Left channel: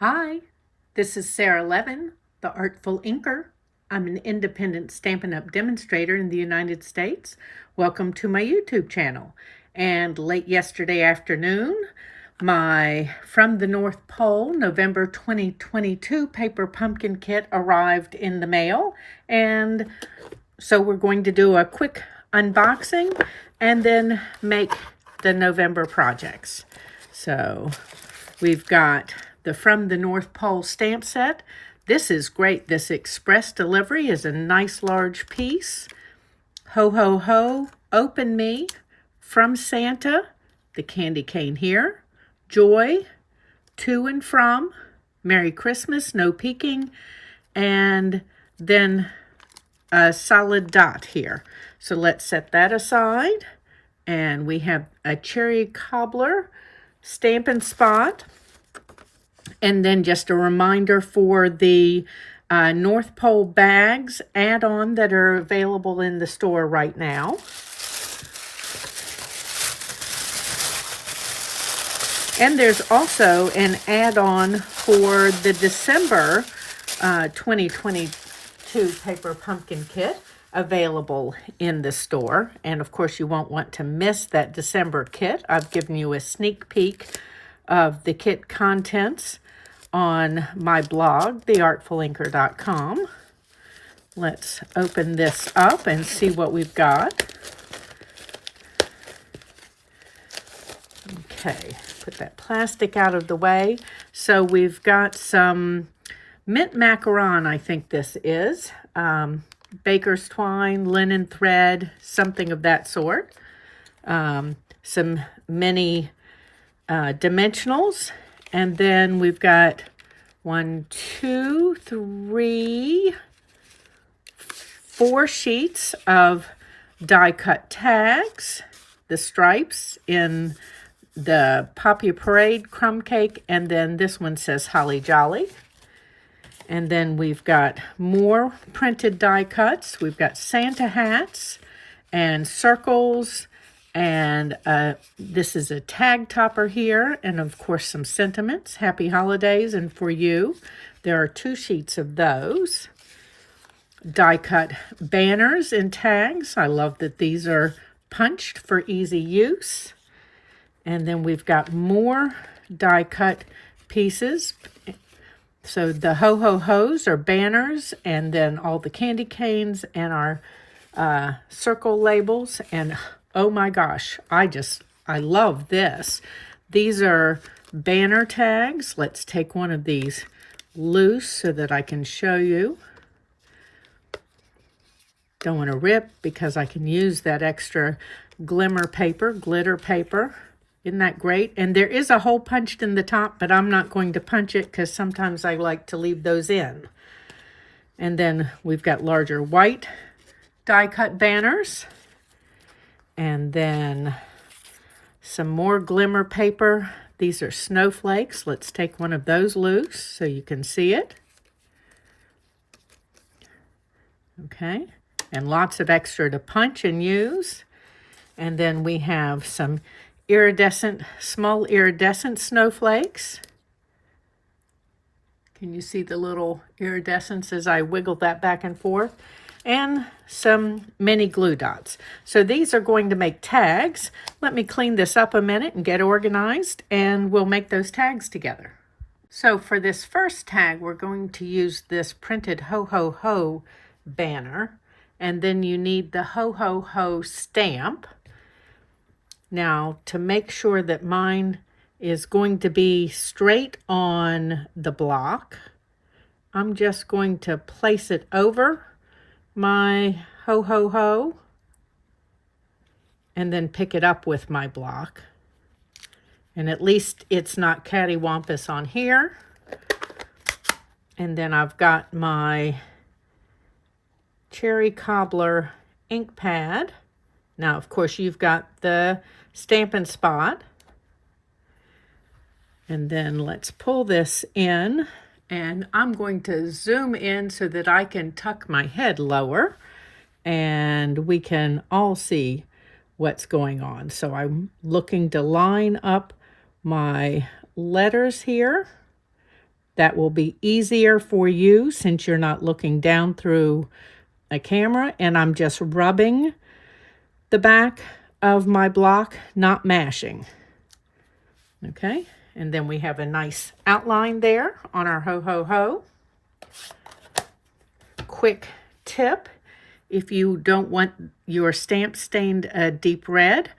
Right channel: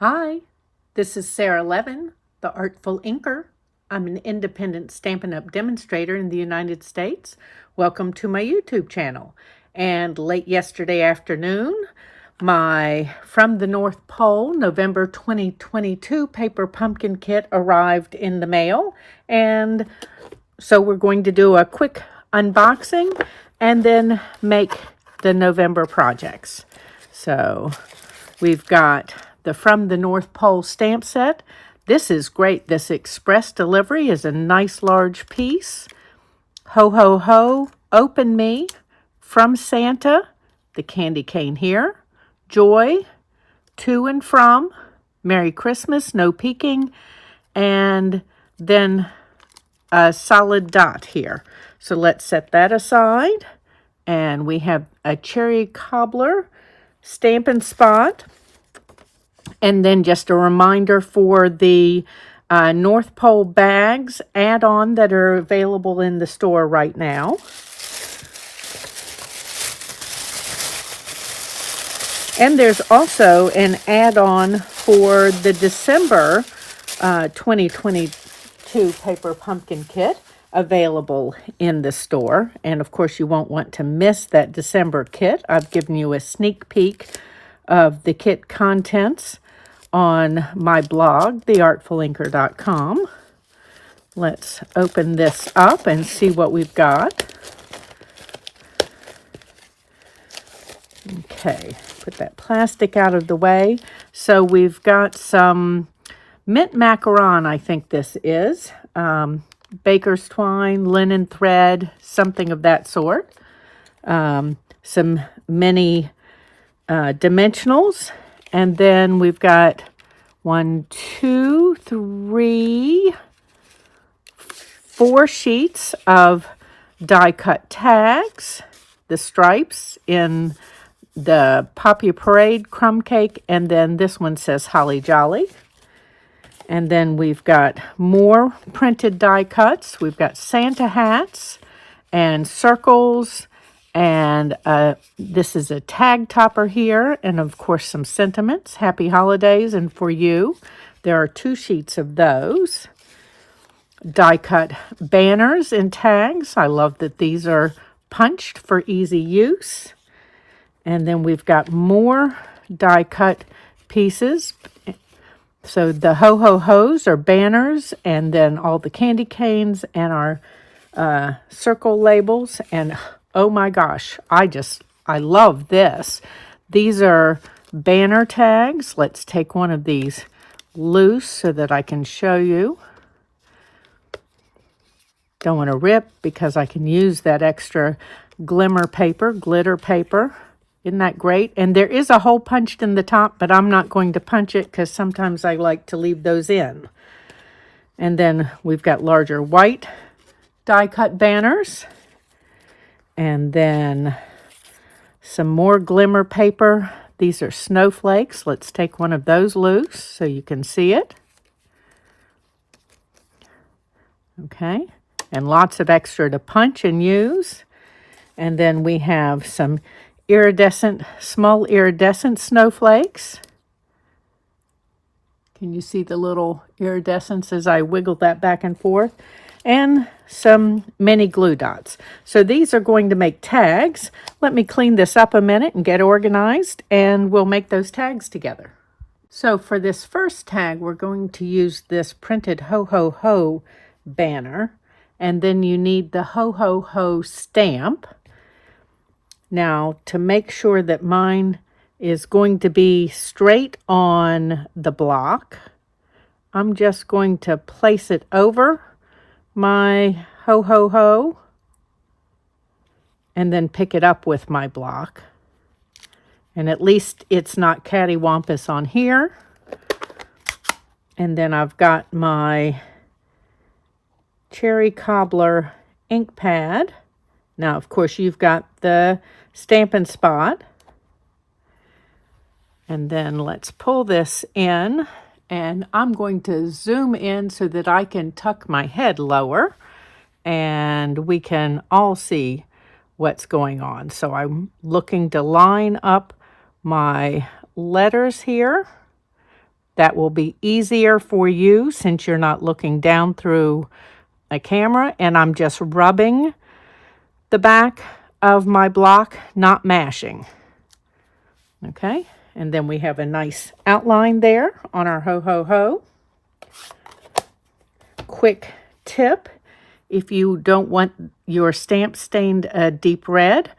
Hi, this is Sara Levin, the Artful Inker. I'm an independent Stampin' Up! Demonstrator in the United States. Welcome to my YouTube channel. And late yesterday afternoon, my From the North Pole November 2022 paper pumpkin kit arrived in the mail. And so we're going to do a quick unboxing and then make the November projects. So we've got the From the North Pole stamp set. This is great. This express delivery is a nice large piece. Ho, ho, ho, open me, from Santa, the candy cane here. Joy, to and from, Merry Christmas, no peeking, and then a solid dot here. So let's set that aside. And we have a cherry cobbler Stampin' Spot. And then just a reminder for the North Pole bags add-on that are available in the store right now. And there's also an add-on for the December 2022 paper pumpkin kit available in the store. And of course you won't want to miss that December kit. I've given you a sneak peek of the kit contents on my blog, theartfulinker.com. Let's open this up and see what we've got. Okay, put that plastic out of the way. So we've got some mint macaron, I think this is. Baker's twine, linen thread, something of that sort. Some mini dimensionals. And then we've got 1, 2, 3, 4 sheets of die-cut tags, the stripes in the Poppy Parade crumb cake, and then this one says Holly Jolly. And then we've got more printed die cuts. We've got Santa hats and circles, and this is a tag topper here, and of course some sentiments. Happy holidays, and for you. There are 2 sheets of those. Die cut banners and tags. I love that these are punched for easy use. And then we've got more die cut pieces. So the ho ho ho's are banners, and then all the candy canes and our circle labels. And oh my gosh, I love this. These are banner tags. Let's take one of these loose so that I can show you. Don't want to rip because I can use that extra glitter paper. Isn't that great? And there is a hole punched in the top, but I'm not going to punch it because sometimes I like to leave those in. And then we've got larger white die-cut banners. And then some more glimmer paper. These are snowflakes. Let's take one of those loose so you can see it. Okay. And lots of extra to punch and use. And then we have some small iridescent snowflakes. Can you see the little iridescence as I wiggle that back and forth? And some mini glue dots. So these are going to make tags. Let me clean this up a minute and get organized, and we'll make those tags together. So for this first tag, we're going to use this printed ho ho ho banner, and then you need the ho ho ho stamp. Now, to make sure that mine is going to be straight on the block, I'm just going to place it over my ho ho ho and then pick it up with my block. And at least it's not cattywampus on here. And then I've got my cherry cobbler ink pad. Now, of course, you've got the Stampin' Spot. And then let's pull this in. And I'm going to zoom in so that I can tuck my head lower. And we can all see what's going on. So I'm looking to line up my letters here That will be easier for you since you're not looking down through a camera, and I'm just rubbing the back of my block, not mashing. Okay, and then we have a nice outline there on our ho-ho-ho. Quick tip, if you don't want your stamps stained a deep red,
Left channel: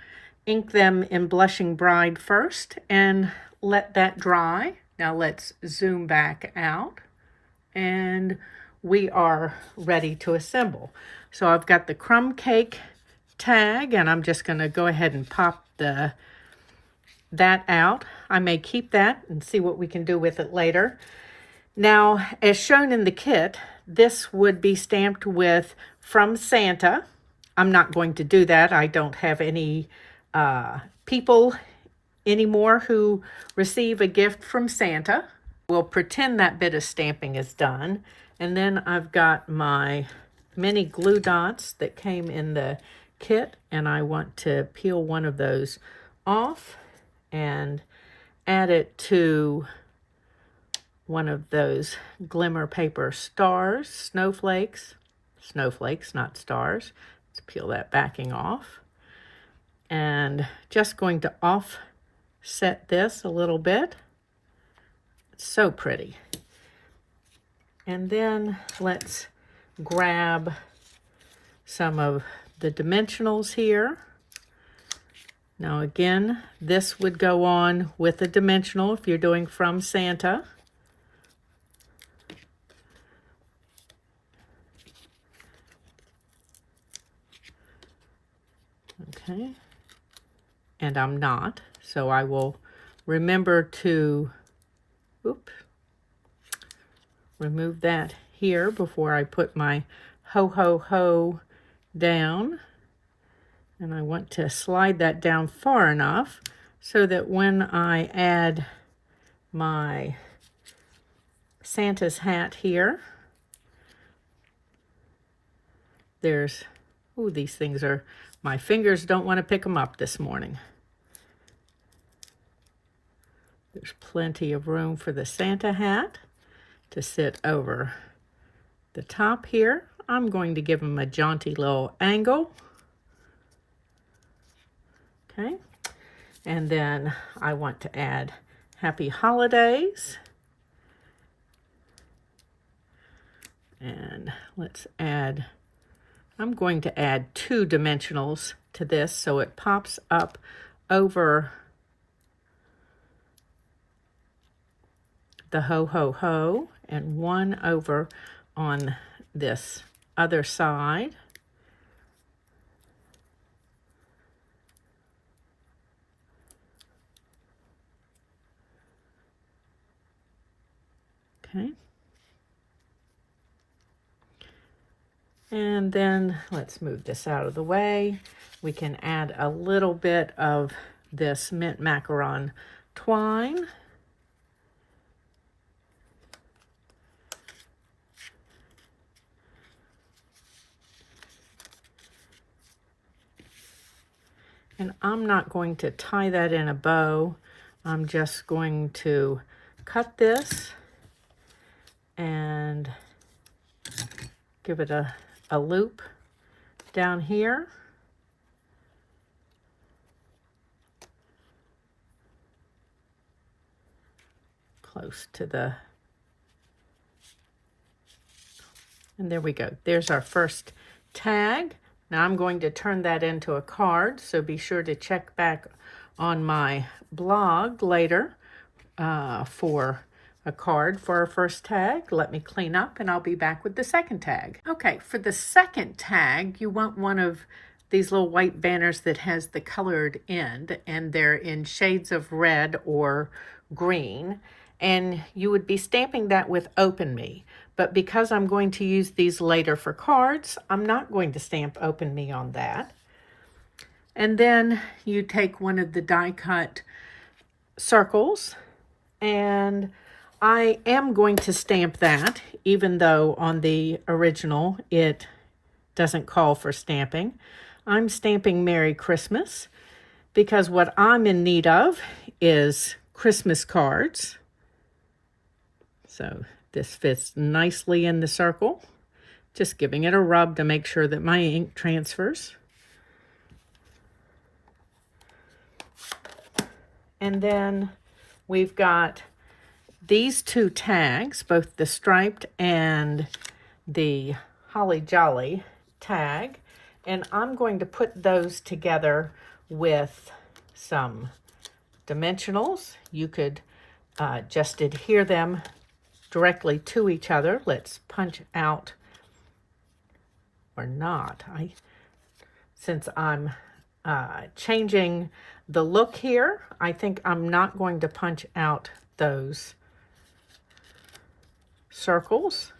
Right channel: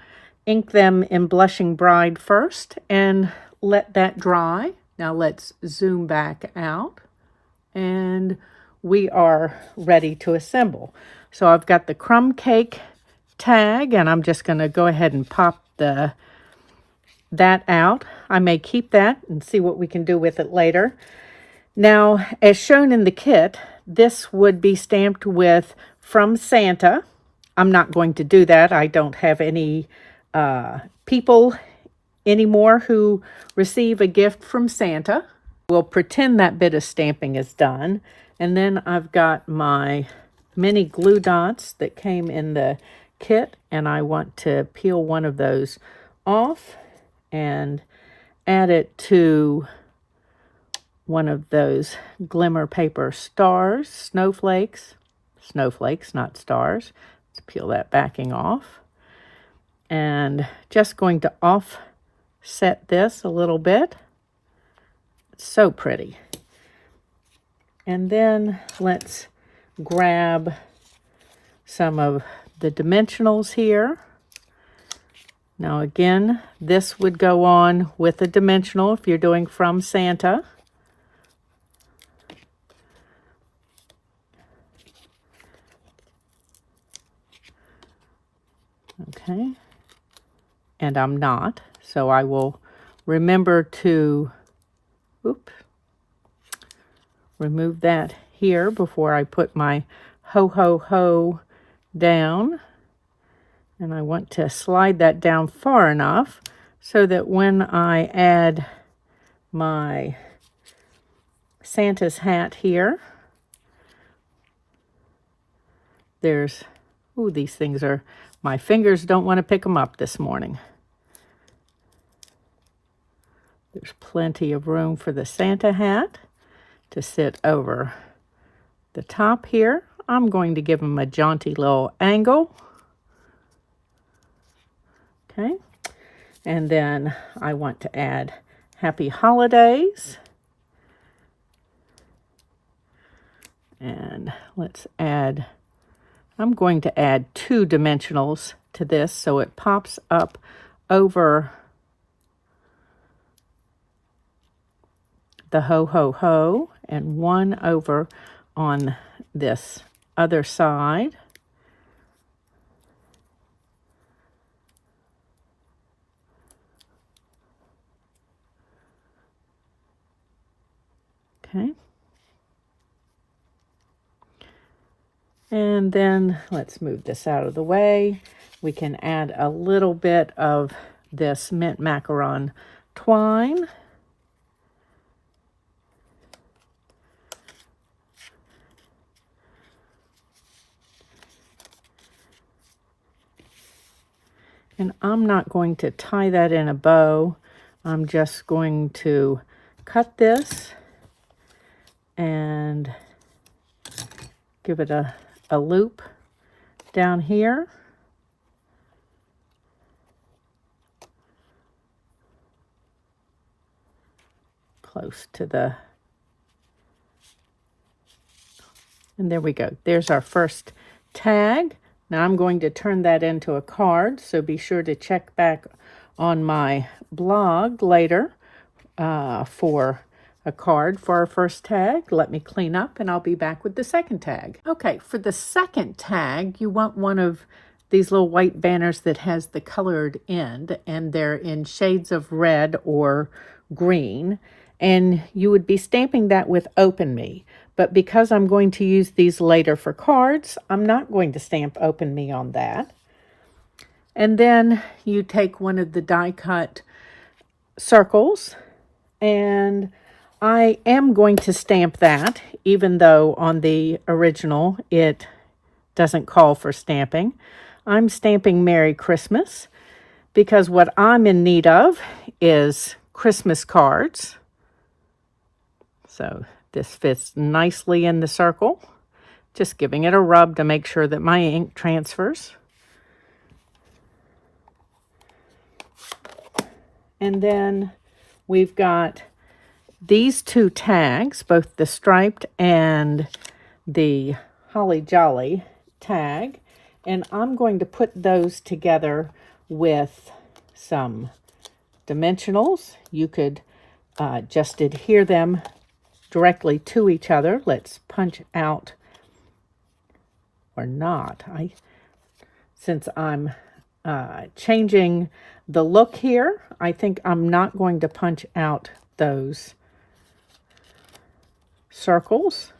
ink them in Blushing Bride first and let that dry. Now let's zoom back out, and we are ready to assemble. So I've got the crumb cake tag, and I'm just going to go ahead and pop that out. I may keep that and see what we can do with it later. Now, as shown in the kit, this would be stamped with From Santa. I'm not going to do that. I don't have any people anymore who receive a gift from Santa. We'll pretend that bit of stamping is done. And then I've got my mini glue dots that came in the kit, and I want to peel one of those off and add it to one of those glimmer paper stars, snowflakes, not stars. Let's peel that backing off. And just going to offset this a little bit. It's so pretty. And then let's grab some of the dimensionals here. Now again, this would go on with a dimensional if you're doing From Santa. Okay, and I'm not, so I will remember to remove that here before I put my ho-ho-ho down. And I want to slide that down far enough so that when I add my Santa's hat here, there's, ooh, these things are, my fingers don't want to pick them up this morning. There's plenty of room for the Santa hat to sit over the top here. I'm going to give him a jaunty little angle. Okay, and then I want to add Happy Holidays. And let's add, I'm going to add 2 dimensionals to this so it pops up over the ho-ho-ho and 1 over on this other side. Okay. And then let's move this out of the way. We can add a little bit of this mint macaron twine. And I'm not going to tie that in a bow. I'm just going to cut this and give it a loop down here. Close to the, and there we go. There's our first tag. Now I'm going to turn that into a card, so be sure to check back on my blog later for a card for our first tag. Let me clean up and I'll be back with the second tag. Okay, for the second tag, you want one of these little white banners that has the colored end, and they're in shades of red or green, and you would be stamping that with Open Me. But because I'm going to use these later for cards, I'm not going to stamp Open Me on that. And then you take one of the die cut circles, and I am going to stamp that, even though on the original it doesn't call for stamping. I'm stamping Merry Christmas because what I'm in need of is Christmas cards. So this fits nicely in the circle. Just giving it a rub to make sure that my ink transfers. And then we've got these two tags, both the striped and the Holly Jolly tag. And I'm going to put those together with some dimensionals. You could just adhere them directly to each other. Let's punch out, or not. Since I'm changing the look here, I think I'm not going to punch out those circles.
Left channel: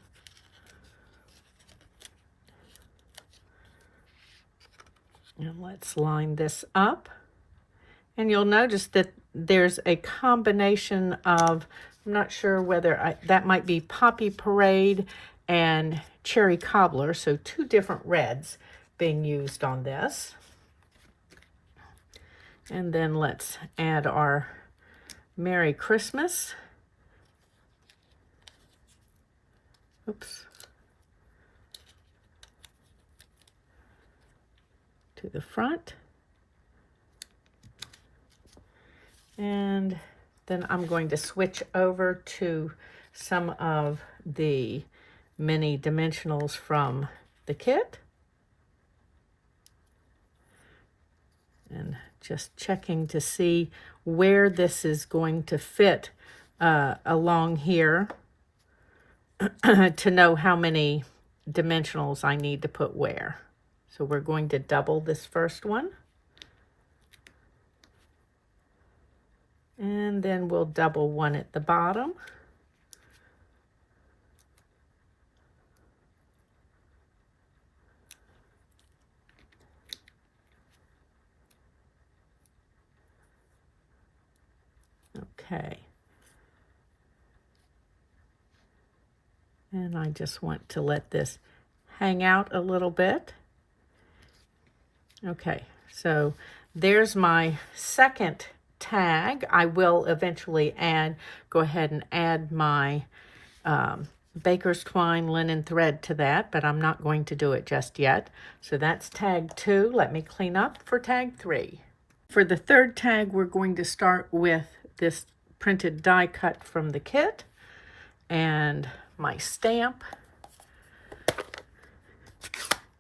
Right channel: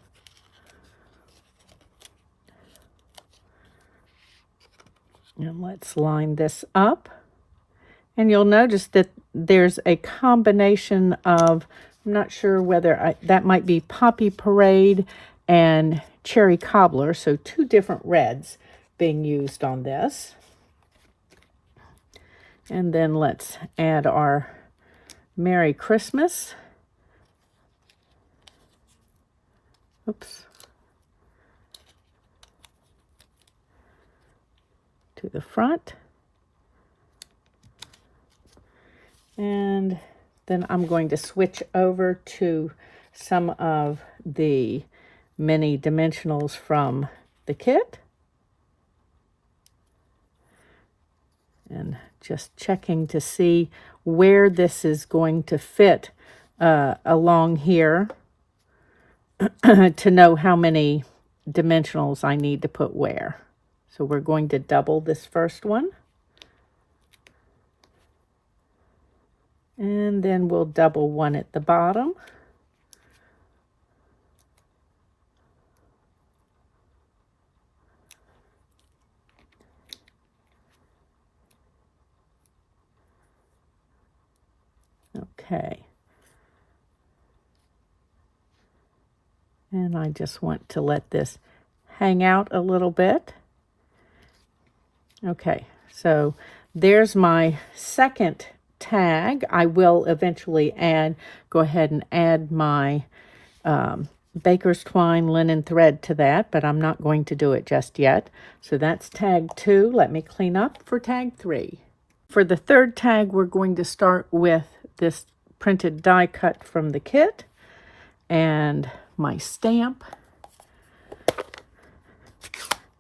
And let's line this up. And you'll notice that there's a combination of, I'm not sure whether that might be Poppy Parade and Cherry Cobbler, so two different reds being used on this. And then let's add our Merry Christmas. Oops. To the front. And then I'm going to switch over to some of the mini dimensionals from the kit. And just checking to see where this is going to fit along here to know how many dimensionals I need to put where. So we're going to double this first one. And then we'll double one at the bottom. Okay. And I just want to let this hang out a little bit. Okay, so there's my second tag. I will eventually go ahead and add my baker's twine linen thread to that, but I'm not going to do it just yet. So that's tag 2. Let me clean up for tag 3. For the third tag, we're going to start with this printed die cut from the kit and my stamp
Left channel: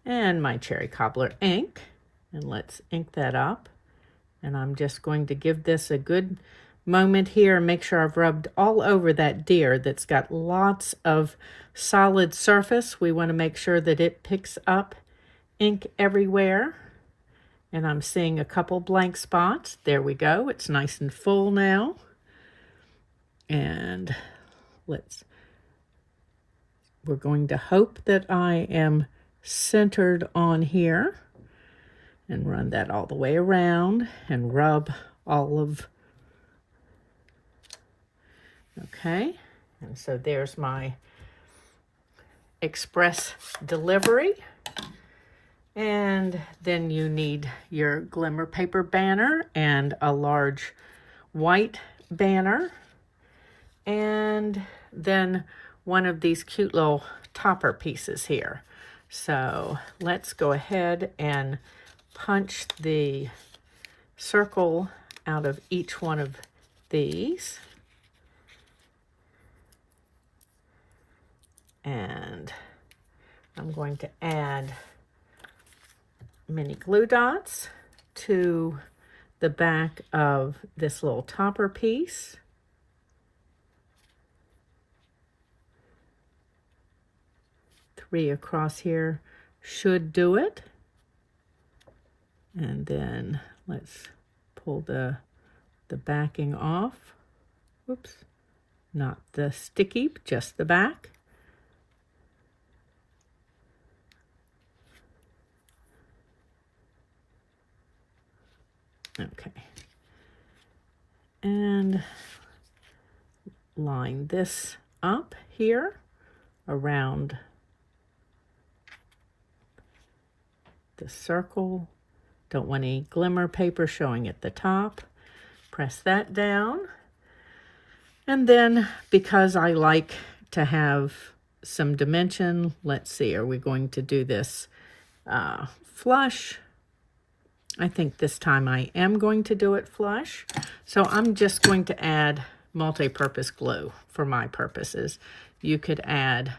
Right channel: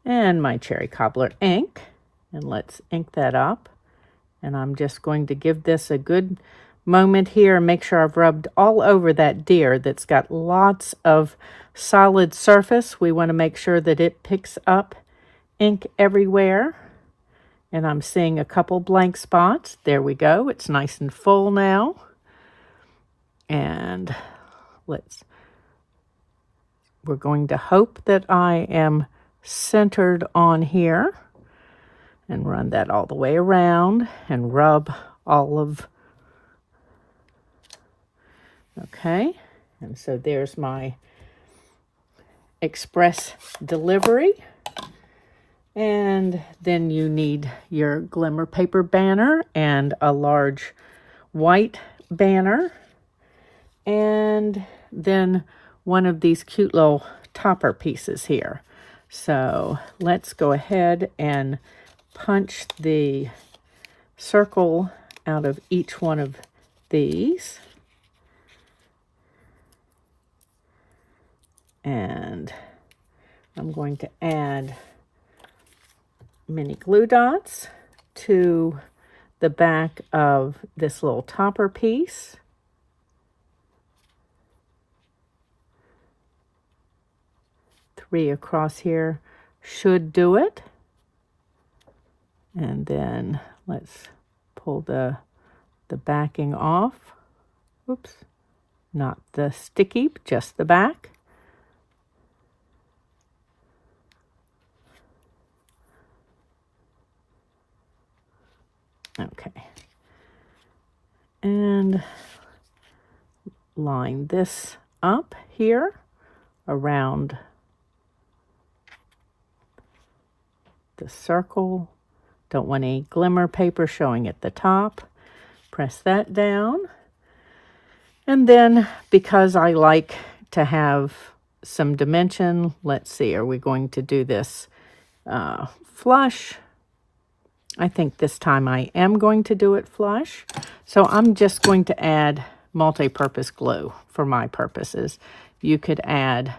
and my Cherry Cobbler ink. And let's ink that up. And I'm just going to give this a good moment here and make sure I've rubbed all over that deer that's got lots of solid surface. We want to make sure that it picks up ink everywhere. And I'm seeing a couple blank spots. There we go. It's nice and full now. And we're going to hope that I am centered on here. And run that all the way around and rub all of, okay. And so there's my express delivery. And then you need your glimmer paper banner and a large white banner. And then one of these cute little topper pieces here. So let's go ahead and punch the circle out of each one of these. And I'm going to add mini glue dots to the back of this little topper piece. Three across here should do it. And then let's pull the backing off. Oops, not the sticky, just the back. Okay. And line this up here around the circle. Don't want any glimmer paper showing at the top. Press that down. And then, because I like to have some dimension, let's see, are we going to do this flush? I think this time I am going to do it flush. So I'm just going to add multi-purpose glue for my purposes. You could add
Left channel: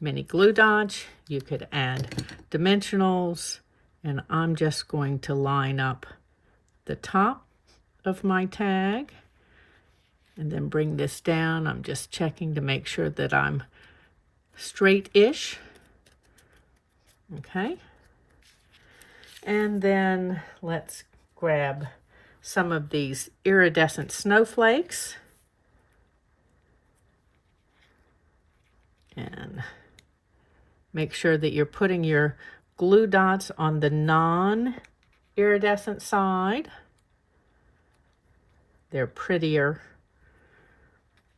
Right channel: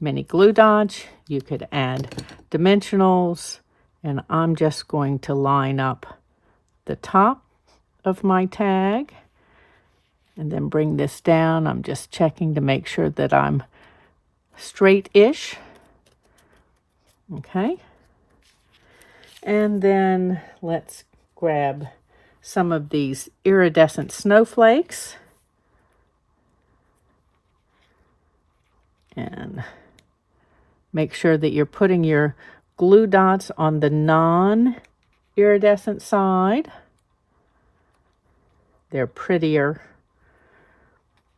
mini glue dots, you could add dimensionals, and I'm just going to line up the top of my tag and then bring this down. I'm just checking to make sure that I'm straight-ish. Okay. And then let's grab some of these iridescent snowflakes and make sure that you're putting your glue dots on the non-iridescent side. They're prettier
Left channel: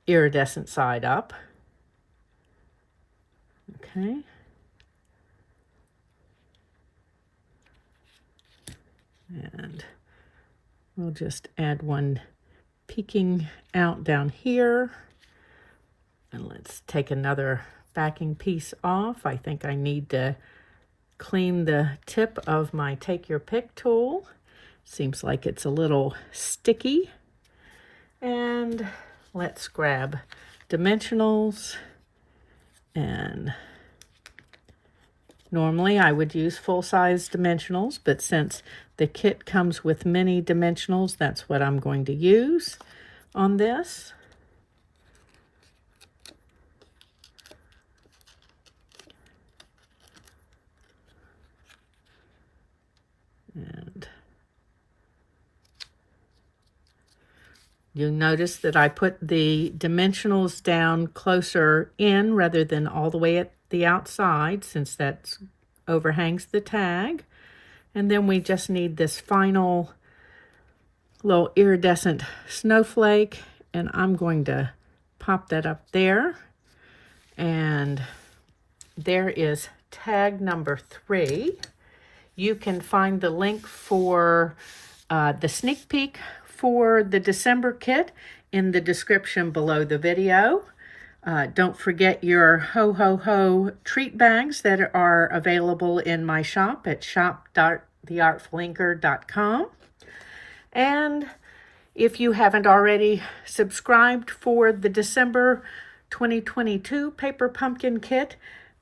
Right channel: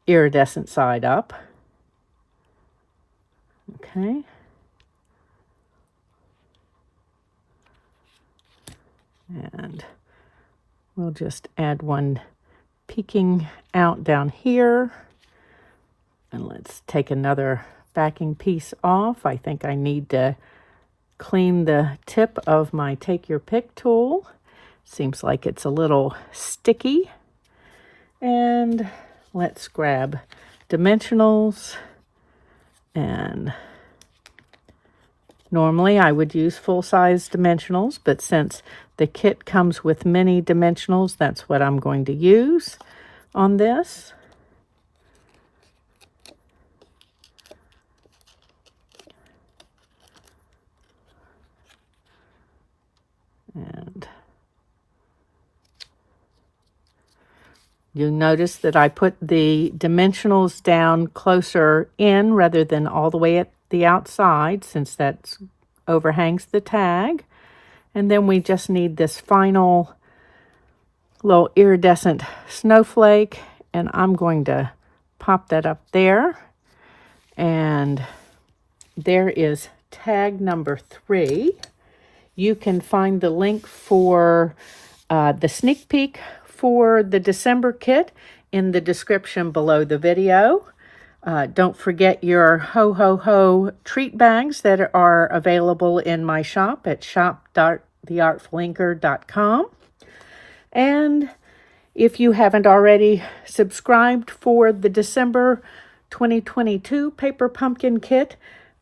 iridescent side up. Okay. And we'll just add one peeking out down here. And let's take another backing piece off. I think I need to clean the tip of my Take Your Pick tool. Seems like it's a little sticky. And let's grab dimensionals. And normally I would use full-size dimensionals, but since the kit comes with mini dimensionals, that's what I'm going to use on this. And you'll notice that I put the dimensionals down closer in rather than all the way at the outside, since that overhangs the tag. And then we just need this final little iridescent snowflake, and I'm going to pop that up there. And there is tag number 3. You can find the link for the sneak peek for the December kit in the description below the video. Don't forget your Ho Ho Ho treat bags that are available in my shop at shop.theartfulinker.com. And if you haven't already subscribed for the December 2022 Paper Pumpkin Kit,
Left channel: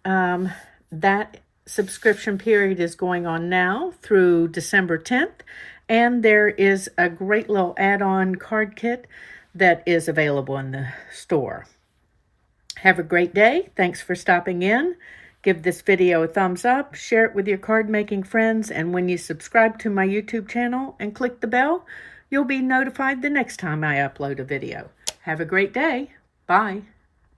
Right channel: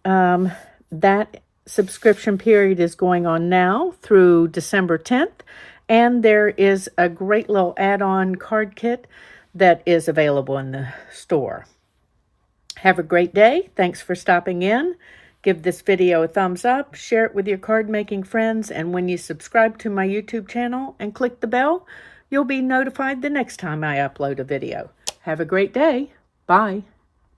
that subscription period is going on now through December 10th. And there is a great little add-on card kit that is available in the store. Have a great day. Thanks for stopping in. Give this video a thumbs up, share it with your card-making friends, and when you subscribe to my YouTube channel and click the bell, you'll be notified the next time I upload a video. Have a great day. Bye.